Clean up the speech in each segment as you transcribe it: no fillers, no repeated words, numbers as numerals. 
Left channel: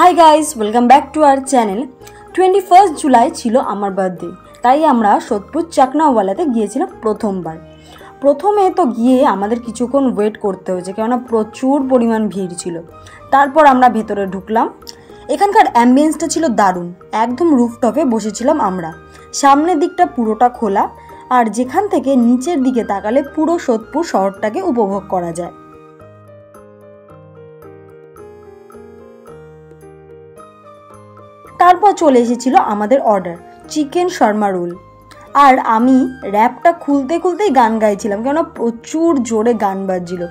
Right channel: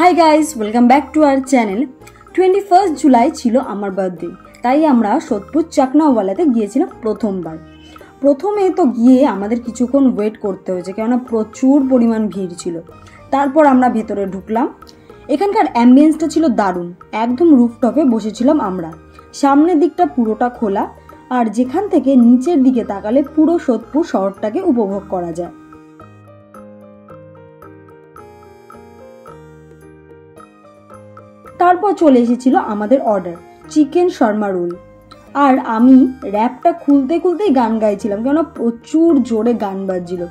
Hi guys, welcome back to our channel. 21 July ছিল আমার birthday, তাই আমরা সোদপুর চাকনাওয়ালাতে গিয়েছিলাম প্রথমবার। প্রথমে তো গিয়ে আমাদের কিছুক্ষণ ওয়েট করতে হয়েছে, কেননা প্রচুর পরিমাণ ভিড় ছিল। তারপর আমরা ভেতরে ঢুকলাম। এখানকার অ্যাম্বিয়েন্সটা ছিল দারুণ। একদম রুফটপে বসেছিলাম আমরা। সামনের দিকটা পুরোটা খোলা, আর যেখান থেকে নিচের দিকে তাকালে পুরো সোদপুর শহরটাকে উপভোগ করা যায়। তারপর চলে এসেছিল আমাদের অর্ডার, চিকেন শর্মা রোল। আর আমি র্যাপটা খুলতে খুলতেই গান গাইছিলাম, কেননা প্রচুর জোরে গান বাজছিল।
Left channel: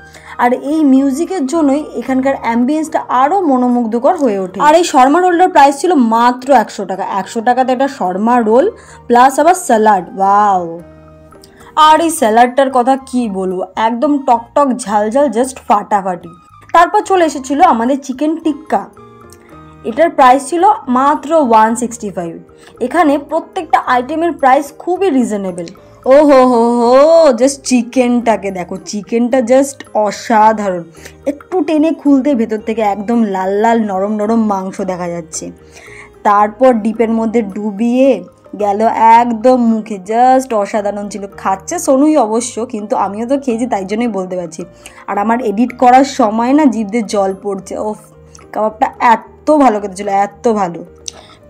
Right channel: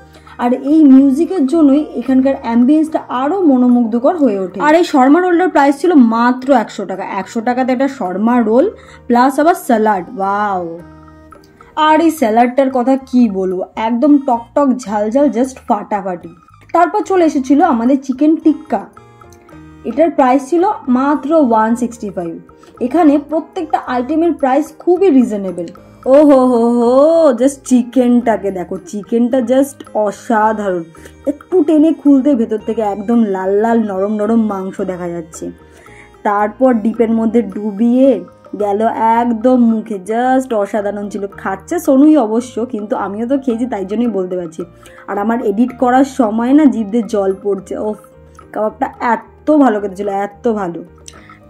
আর এই মিউজিকের জন্যই এখানকার অ্যাম্বিয়েন্সটা আরও মনোমুগ্ধকর হয়ে ওঠে। আর এই শর্মা রোলটার প্রাইস ছিল মাত্র 100 টাকা। 100 টাকাতে একটা শর্মা রোল প্লাস আবার স্যালাড, ওয়াও! আর এই স্যালাডটার কথা কি বলবো, একদম টকটক ঝালঝাল, জাস্ট ফাটাফাটি। তারপর চলে এসেছিল আমাদের চিকেন টিক্কা। এটার প্রাইস ছিল মাত্র 165। এখানে প্রত্যেকটা আইটেমের প্রাইস খুবই রিজনেবল। ও হো, জাস্ট চিকেনটাকে দেখো, চিকেনটা জাস্ট অসাধারণ। একটু টেনে খুলতে ভেতর থেকে একদম লাল লাল নরম নরম মাংস দেখা যাচ্ছে। তারপর ডিপের মধ্যে ডুবিয়ে গেল একদম মুখে, জাস্ট অসাধারণ ছিল। খাচ্ছে সোনুই অবশ্য, কিন্তু আমিও তো খেয়েছি, তাই জন্যই বলতে পারছি। আর আমার এডিট করার সময় না জিভ দিয়ে জল পড়ছে। ওফ, কাবাবটা এত ভালো খেতে ছিল, এত ভালো।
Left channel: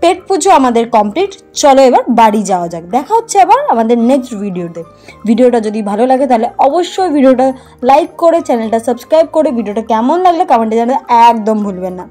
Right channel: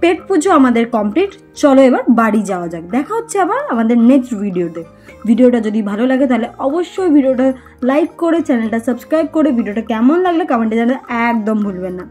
পেট পুজো আমাদের কমপ্লিট। চলো এবার বাড়ি যাওয়া যাক। দেখা হচ্ছে আবার আমাদের নেক্সট ভিডিওতে। ভিডিওটা যদি ভালো লাগে তাহলে অবশ্যই ভিডিওটা লাইক করে চ্যানেলটা সাবস্ক্রাইব করে ভিডিওটা কেমন লাগলে কমেন্টে জানাতে একদম ভুলবেন না।